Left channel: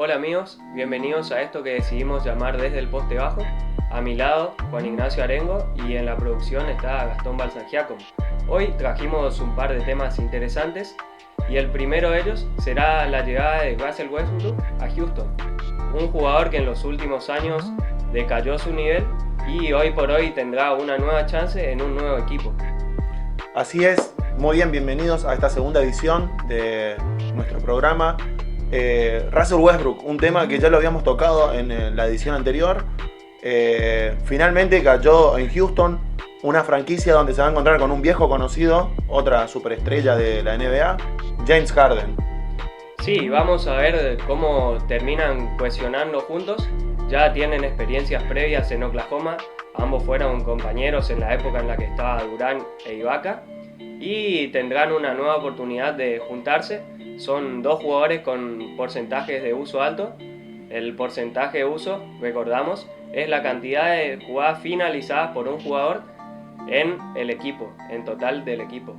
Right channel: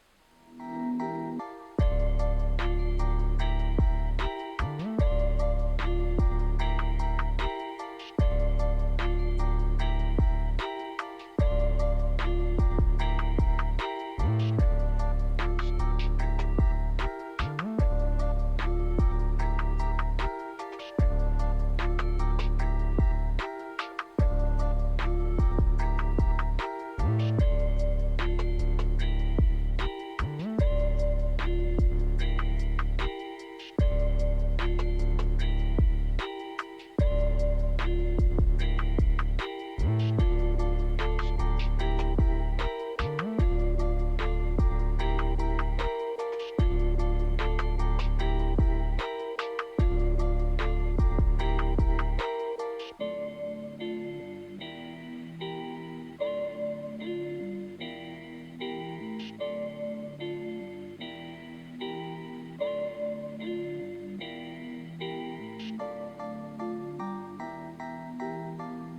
Hola amigos, bienvenidos a esto que decidimos llamar Desde el Poste Bajo. A mi lado, Juan Ignacio Arengo, y en la producción está Gastón Balsangiacomo. Hoy trajimos un par de temas interesantes y el primero de ellos será la llegada de Russell Westbrook a Houston, un jugador que en los últimos años decayó su nivel y hoy por hoy tendrá una nueva chance en un nuevo equipo. Así es, muy bien, bienvenidos a esta segunda edición de nuestro programa. Russell Westbrook, un tema que ya lo habíamos tocado en la edición anterior. Finalmente cayó en Houston, una franquicia donde se va a encontrar con un viejo conocido, otra superestrella de la NBA, James Harden. Sí, vamos a ver cómo terminan cohesionando juntos. Ya tienen experiencias previas en Oklahoma, ambos fueron compañeros en la época en la que estaba Durant e Ibaka y tendrán una nueva oportunidad de juntarse. Son dos jugadores con porcentajes de uso alto. El porcentaje de uso, recordamos, es la cantidad de jugadas finalizadas por un jugador en el equipo, en total del equipo.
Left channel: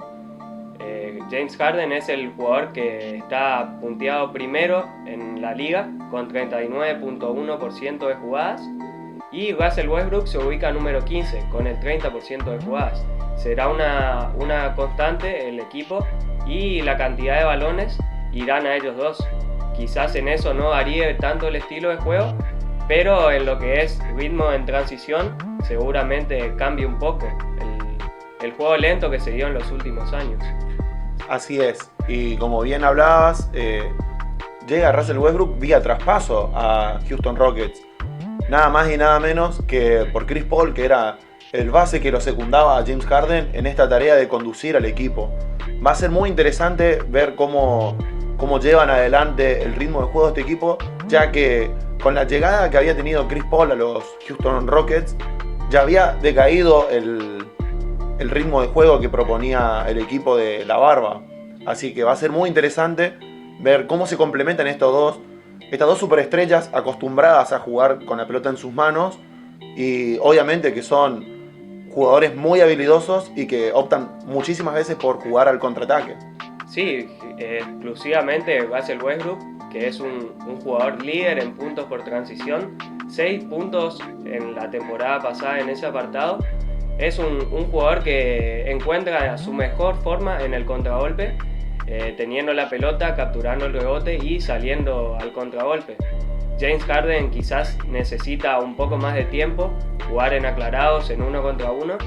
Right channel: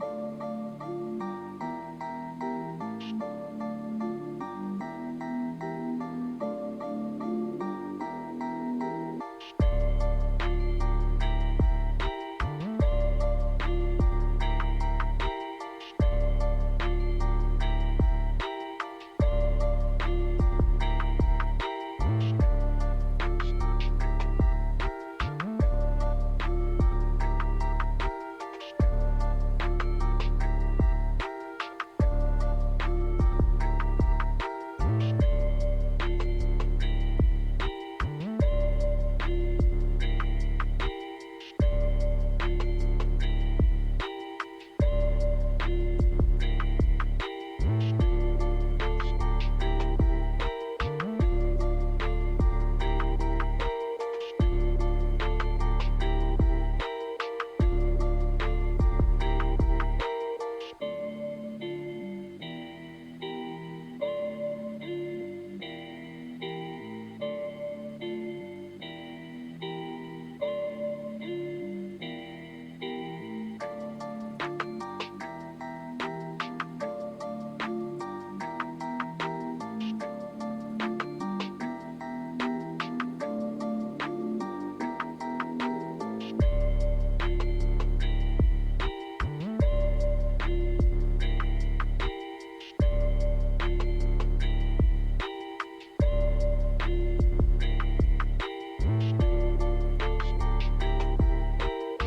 James Harden es el jugador que está punteado primero en la liga con 39.1% de jugadas y Russell Westbrook se ubica número 15 con el 30% de jugadas. Será una constante el equipo y la cantidad de balones irán a ellos dos. Quizás en eso no varíe tanto el estilo de juego, pero en lo que es ritmo en transición seguramente cambie un poco el juego lento que se dio en los últimos años. Así es, y como bien hablabas, llega Russell Westbrook vía traspaso a Houston Rockets. Nada más y nada menos que por Chris Paul, que era el base que lo secundaba a James Harden en esta tarea de conducir al equipo. Va a ser muy interesante ver cómo llevan adelante el ritmo de juego de este equipo, ya que con la llegada que había tenido Chris Paul a los Houston Rockets, ya había decaído el ritmo de juego que proponía el equipo de la Barba. Así que va a ser muy interesante ver cómo se complementan estas dos superestrellas acostumbradas a jugar con la pelota en sus manos y obviamente que son jugadores muy habilidosos y que optan muchísimas veces por jugar al contraataque. Sí, exclusivamente Russell Westbrook, que es un jugador líder en puntos por transición, 6 puntos en la temporada pasada en ese apartado. Es un jugador que encuentra su mejor forma en el contragolpe, teniendo la pelota, capturando el rebote y saliendo al contragolpe. James Harden quizás necesita un poco más de tiempo, jugar en aclarados en 1 contra 1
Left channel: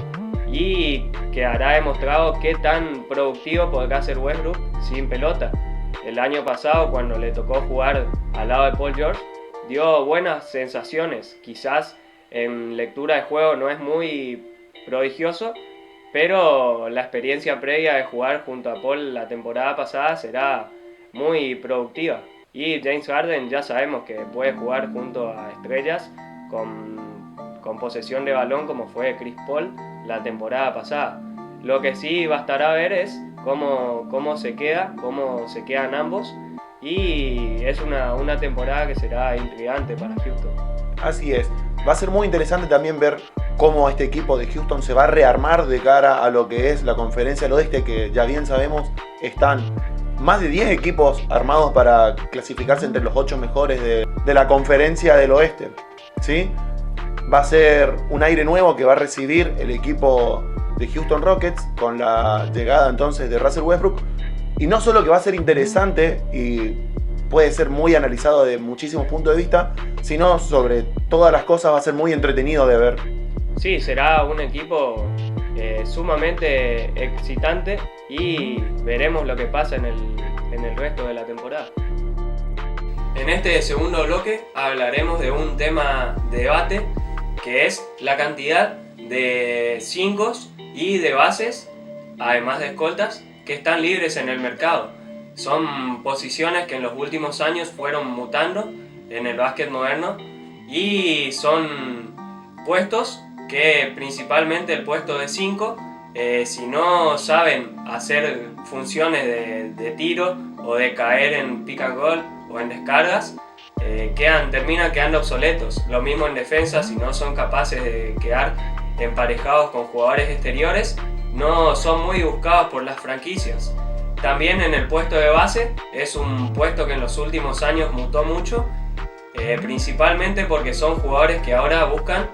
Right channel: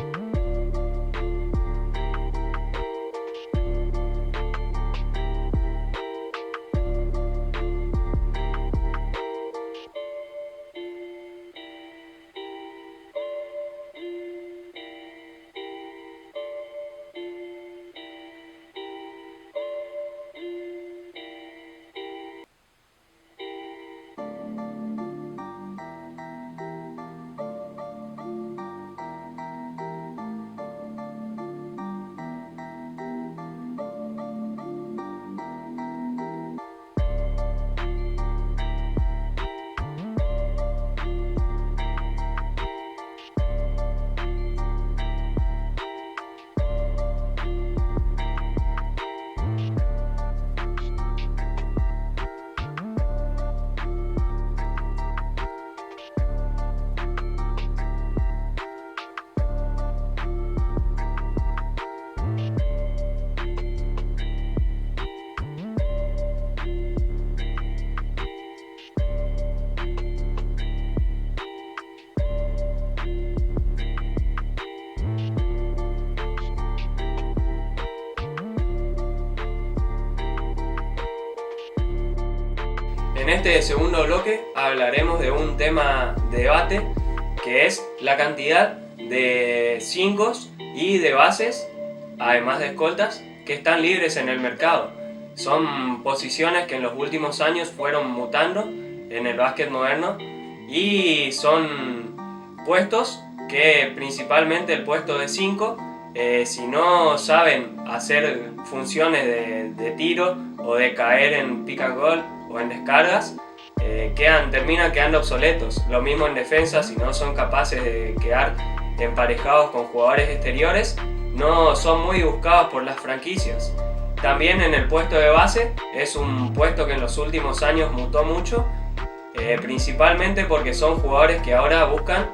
y quedará demostrado qué tan productivo podrá ser Westbrook sin pelota. El año pasado, cuando le tocó jugar al lado de Paul George, dio buenas sensaciones. Quizás en lectura de juego no es muy prodigioso, pero la experiencia previa de jugar junto a Paul la temporada pasada será muy productiva. Y James Harden ya sabemos que puede jugar junto a estrellas con posesión de balón como fue Chris Paul la temporada pasada. Lo que sí bastará ver es cómo se quedan ambos, y es una temporada que será intrigante para Houston. Así es, va a ser muy interesante también ver cómo este equipo de Houston se va a rearmar de cara a lo que es la Conferencia del Oeste, que ya bien sabemos están más de 10 equipos armados para clasificarse entre los 8 mejores de la Conferencia del Oeste, ¿sí? Va a ser un aire nuevo que va a recibir el equipo de Houston Rockets con la llegada entonces de Russell Westbrook. Y no solo que va a ser interesante y puede ser muy analizado de muchísimos puntos de vista, sino sobre todas las cosas va a ser muy entretenido de ver. Sí, será un equipo sumamente excitante y veremos lo que pasa en el resto de la temporada. En este segundo bloque hablaremos de un tema de debate, que es la cantidad de 5 y de bases, además de escoltas, que están libres en el mercado. Son posiciones que en los últimos años fueron mutando en el básquet moderno y son puestos que, principalmente el puesto de 5, si no saben hacer funciones de tiro o de caer en pick and roll o en descargas, terminan quedando obsoletos. Lo mismo en defensa, si no son capaces de quedar emparejados con jugadores exteriores, no son muy buscados por las franquicias. También en el puesto de base es un puesto que en los últimos años mutó mucho principalmente porque son jugadores que ahora buscan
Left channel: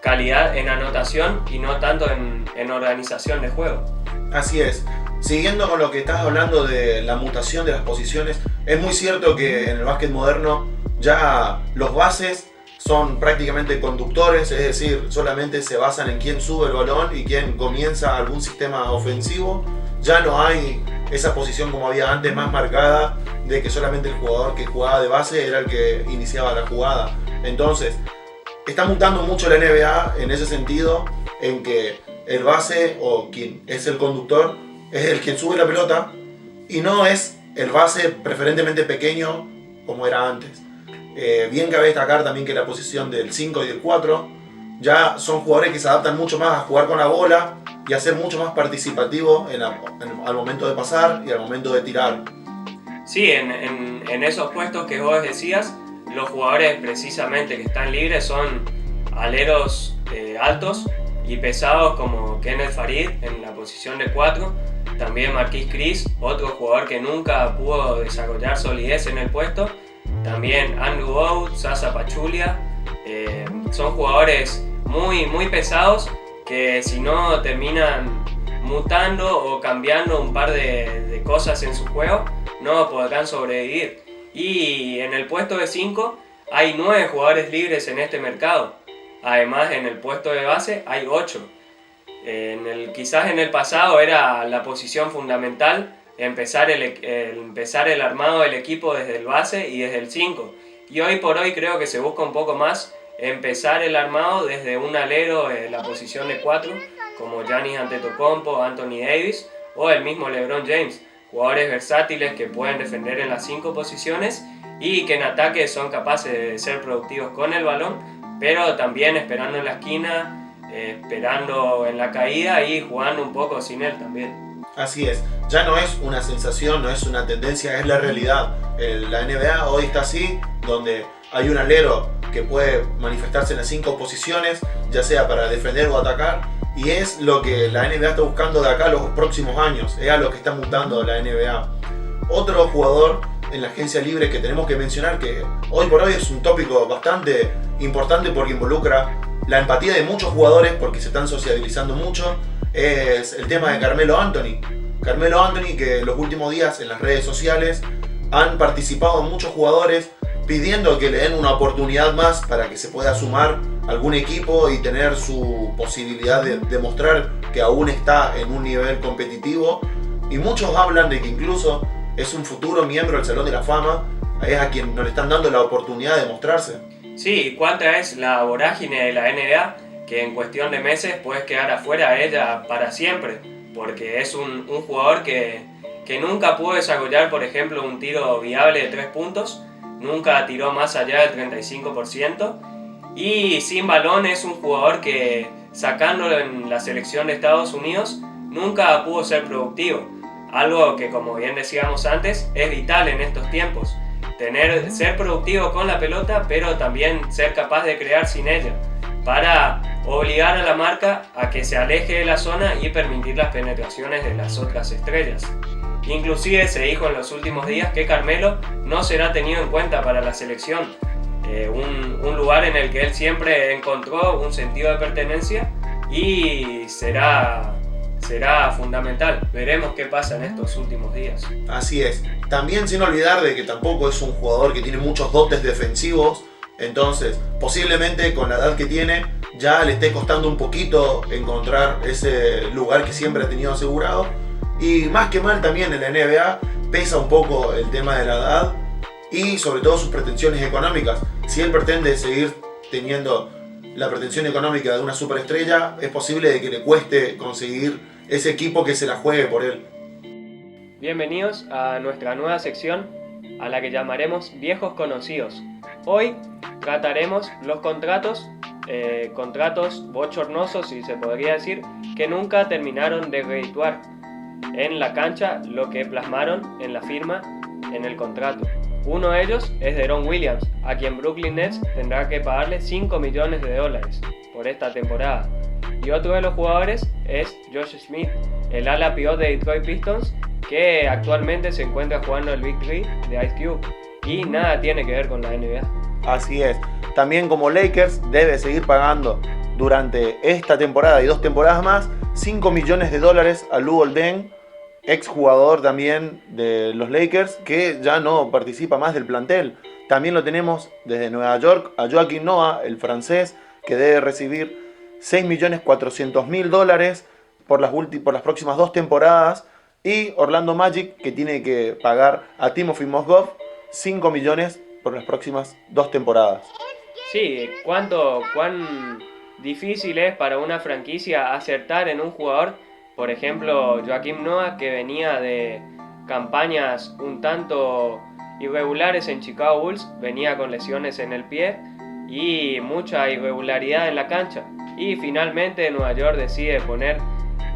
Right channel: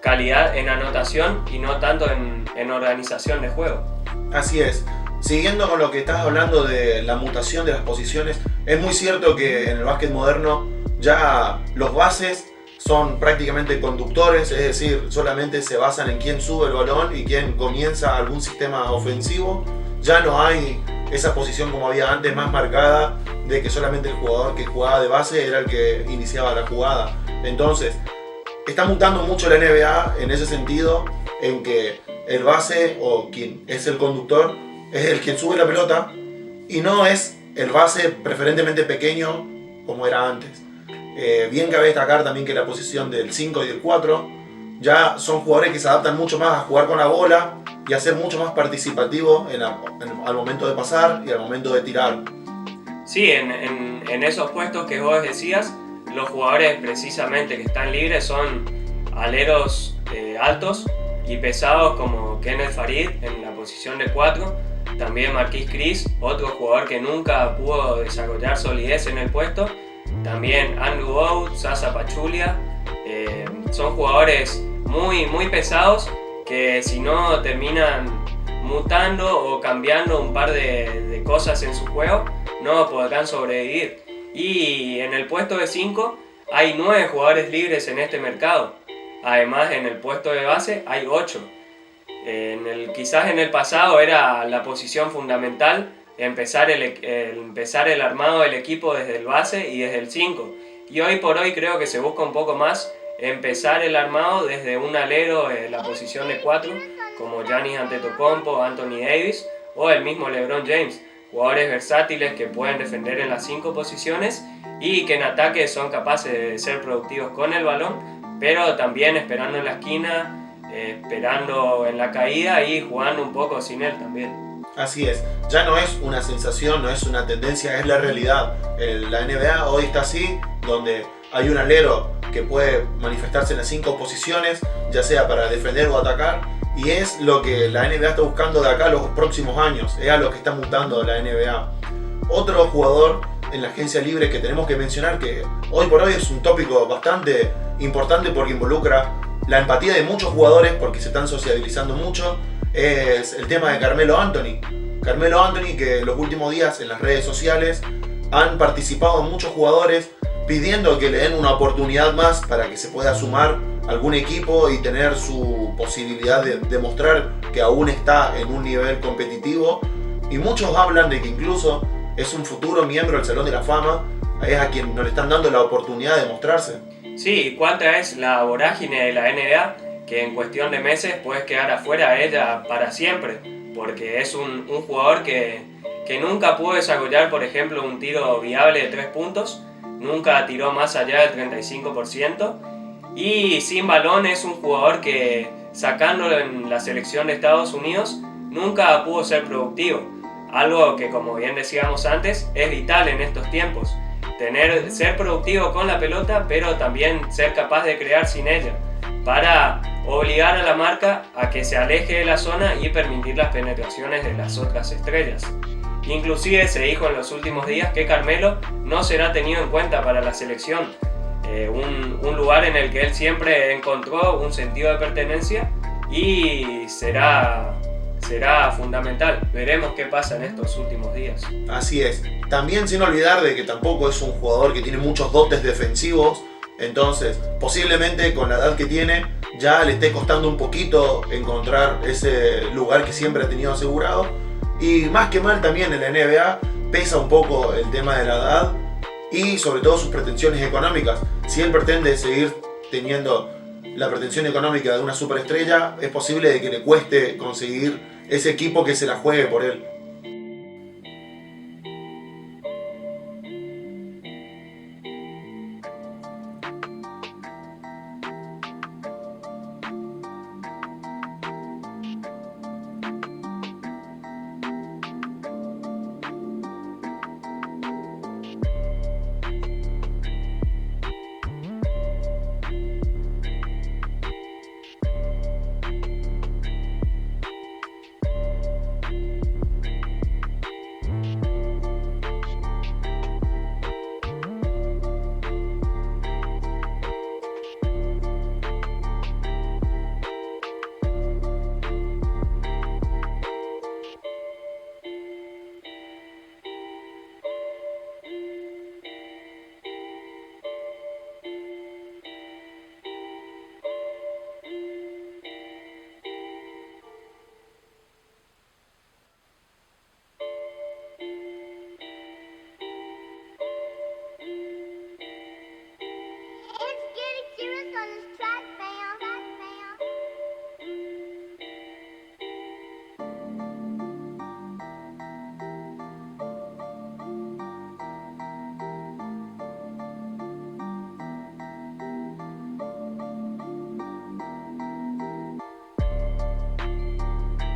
calidad en anotación y no tanto en organización de juego. Así es. Siguiendo con lo que estás hablando de la mutación de las posiciones, es muy cierto que en el básquet moderno ya los bases son prácticamente conductores, es decir, solamente se basan en quién sube el balón y quién comienza algún sistema ofensivo. Ya no hay esa posición como había antes, más marcada, de que solamente el jugador que jugaba de base era el que iniciaba la jugada. Entonces, está mutando mucho la NBA en ese sentido, en que el base o quien es el conductor es el quien sube la pelota y no es el base preferentemente pequeño como era antes. Bien cabe destacar también que la posición del 5 y del 4 ya son jugadores que se adaptan mucho más a jugar con la bola y a ser mucho más participativos al momento de pasar y al momento de tirar. Sí, en esos puestos que vos decías, los jugadores precisamente que están libres son aleros altos y pesados como Kenneth Farid en la posición de 4, también Marquise Chriss, otro jugador que nunca pudo desarrollar solidez en el puesto, también Andrew Bogut, Zaza Pachulia, son jugadores muy pesados que si no terminan mutando o cambiando un par de cosas en su juego, no podrán sobrevivir. Y en el puesto de 5 hay 9 jugadores libres en este mercado. Además, en el puesto de base hay 8. Quizás en el pasado era la posición fundamental empezar el armado del equipo desde el base y desde el 5. Y hoy por hoy creo que se busca un poco más empezar el armado desde un alero en la posición de 4, como Giannis Antetokounmpo, Anthony Davis o el mismo LeBron James. Jugadores versátiles que pueden defender en las 5 posiciones y que en ataque son capaces de ser productivos con el balón, pero también esperando en la esquina, esperando en la caída y jugando un poco sin él también. Así es, ya no es una sensación, no es una tendencia, es la realidad. La NBA hoy está así, donde hay un alero que puede manifestarse en las 5 posiciones, ya sea para defender o atacar, y es lo que la NBA está buscando de acá a los próximos años, es a lo que está mutando la NBA. Otro jugador en la agencia libre que tenemos que mencionar, que hoy por hoy es un tópico bastante importante porque involucra la empatía de muchos jugadores porque se están sociabilizando mucho, es el tema de Carmelo Anthony. Carmelo Anthony, que en los últimos días en las redes sociales han participado muchos jugadores pidiendo que le den una oportunidad más para que se pueda sumar algún equipo y tener su posibilidad de demostrar que aún está en un nivel competitivo. Y muchos hablan de que incluso es un futuro miembro del Salón de la Fama, es a quien no le están dando la oportunidad de mostrarse. Sí, cuánta es la vorágine de la NBA que en cuestión de meses puedes quedar afuera de ella para siempre, porque es un jugador que nunca pudo desarrollar, por ejemplo, un tiro viable de 3 puntos, nunca tiró más allá del 35%, y sin balón es un jugador que, sacándolo en la selección de Estados Unidos, nunca pudo ser productivo, algo que, como bien decíamos antes, es vital en estos tiempos. Ser productivo con la pelota, pero también ser capaz de crear sin ella, para obligar a la marca a que se aleje de la zona y permitir las penetraciones de las otras estrellas. Inclusive se dijo en los últimos días que Carmelo no será tenido en cuenta para la selección, un lugar en el que él siempre encontró un sentido de pertenencia y será fundamental. Veremos qué pasa en estos últimos días. Así es. También sin olvidar de que tampoco es un jugador que tiene muchos dotes defensivos, entonces posiblemente con la edad que tiene ya le esté costando un poquito encontrar ese lugar que siempre ha tenido asegurado. Y más que mal también en la NBA pesa un poco el tema de la edad y sobre todo sus pretensiones económicas. Si él pretende seguir teniendo la pretensión económica de una superestrella, es posible de que le cueste conseguir ese equipo que se la juegue por él. Bienvenidos a nuestra nueva sección, a la que llamaremos Viejos Conocidos. Hoy trataremos los contratos bochornosos, si se podría decir, que nunca terminaron de redituar en la cancha lo que plasmaron en la firma en el contrato. Uno de ellos es Deron Williams, a quien Brooklyn Nets tendrá que pagarle $5 millones por esta temporada. Y otro de los jugadores es Josh Smith, el ala pivot de Detroit Pistons, que actualmente se encuentra jugando el Big Three de Ice Cube. y nada tiene que ver con la NBA. Así es. También como Lakers debe seguir pagando durante esta temporada y 2 temporadas más $5 millones a Luol Deng, exjugador también de los Lakers, que ya no participa más del plantel. También lo tenemos desde Nueva York a Joakim Noah, el francés, que debe recibir $6.400.000 por las próximas 2 temporadas. Y Orlando Magic, que tiene que pagar a Timofey Mozgov 5 millones por las próximas 2 temporadas. Sí, cuán difícil es para una franquicia acertar en un jugador. Por ejemplo, Joakim Noah, que venía de campañas un tanto irregulares en Chicago Bulls, venía con lesiones en el pie y mucha irregularidad en la cancha. Y finalmente Nueva York decide poner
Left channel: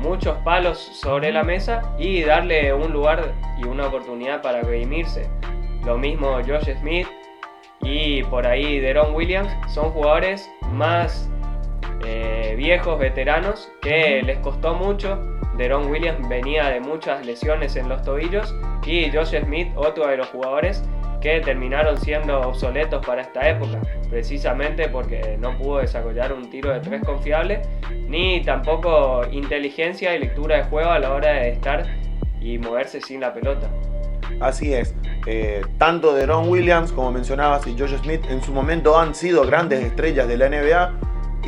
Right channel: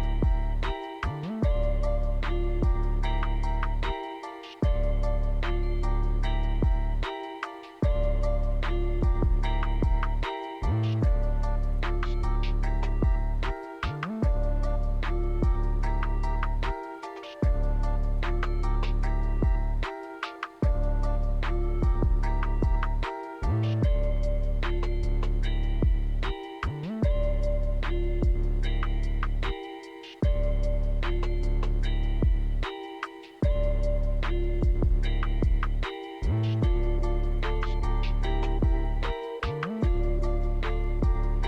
muchos palos sobre la mesa y darle un lugar y una oportunidad para redimirse. Lo mismo Josh Smith y por ahí Deron Williams, son jugadores más viejos, veteranos, que les costó mucho. Deron Williams venía de muchas lesiones en los tobillos y Josh Smith, otro de los jugadores que terminaron siendo obsoletos para esta época, precisamente porque no pudo desarrollar un tiro de 3 confiable, ni tampoco inteligencia y lectura de juego a la hora de estar y moverse sin la pelota. Así es, tanto Deron Williams, como mencionabas, y Josh Smith en su momento han sido grandes estrellas de la NBA,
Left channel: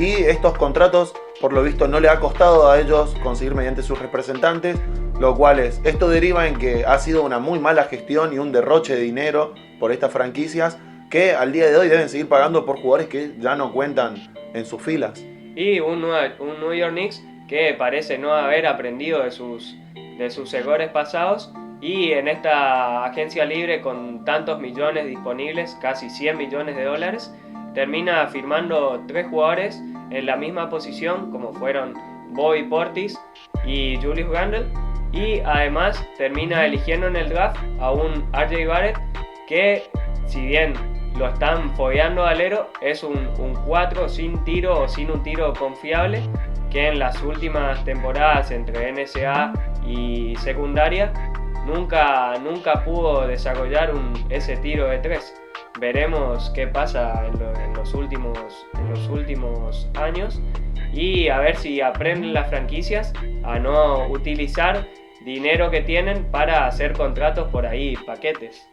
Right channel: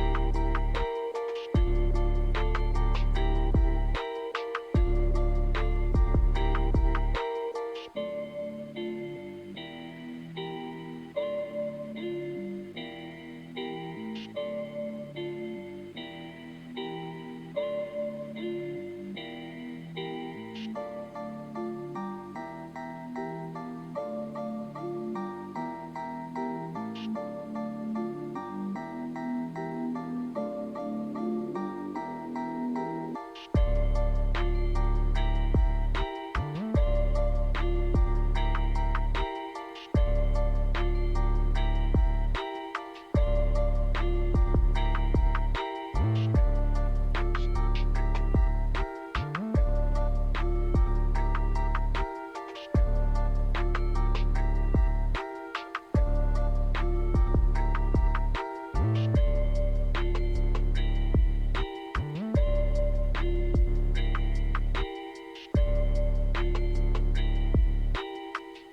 y estos contratos por lo visto no le ha costado a ellos conseguir mediante sus representantes, lo cual esto deriva en que ha sido una muy mala gestión y un derroche de dinero por estas franquicias que al día de hoy deben seguir pagando por jugadores que ya no cuentan en sus filas. Y un New York Knicks que parece no haber aprendido de sus errores pasados, y en esta agencia libre con tantos millones disponibles, casi $100 millones, termina firmando 3 jugadores en la misma posición, como fueron Bobby Portis y Julius Randle, y además termina eligiendo en el draft a un RJ Barrett que, si bien lo están fogueando al alero, es un 4 sin tiro o sin un tiro confiable, que en las últimas temporadas entre NCAA y secundaria nunca pudo desarrollar ese tiro de 3. Veremos qué pasa en los últimos años, y a ver si aprenden las franquicias a no utilizar dinero que tienen para hacer contratos por ahí, paquetes.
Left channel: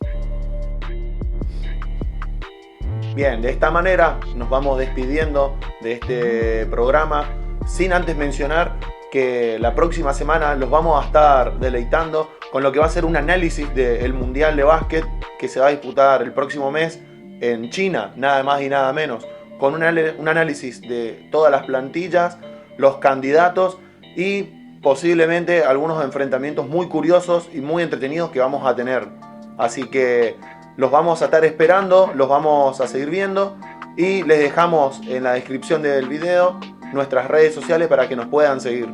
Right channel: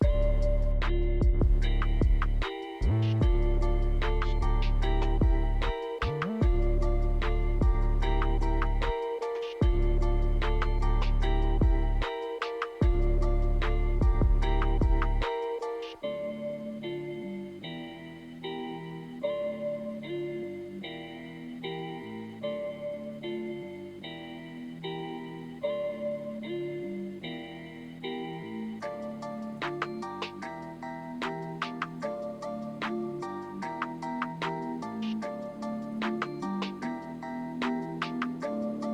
Bien, de esta manera nos vamos despidiendo de este programa, sin antes mencionar que la próxima semana los vamos a estar deleitando con lo que va a ser un análisis del Mundial de Básquet que se va a disputar el próximo mes en China, nada más y nada menos, con un análisis de todas las plantillas, los candidatos y posiblemente algunos enfrentamientos muy curiosos y muy entretenidos que vamos a tener. Así que los vamos a estar esperando, los vamos a seguir viendo, y les dejamos en la descripción del video nuestras redes sociales para que nos puedan seguir.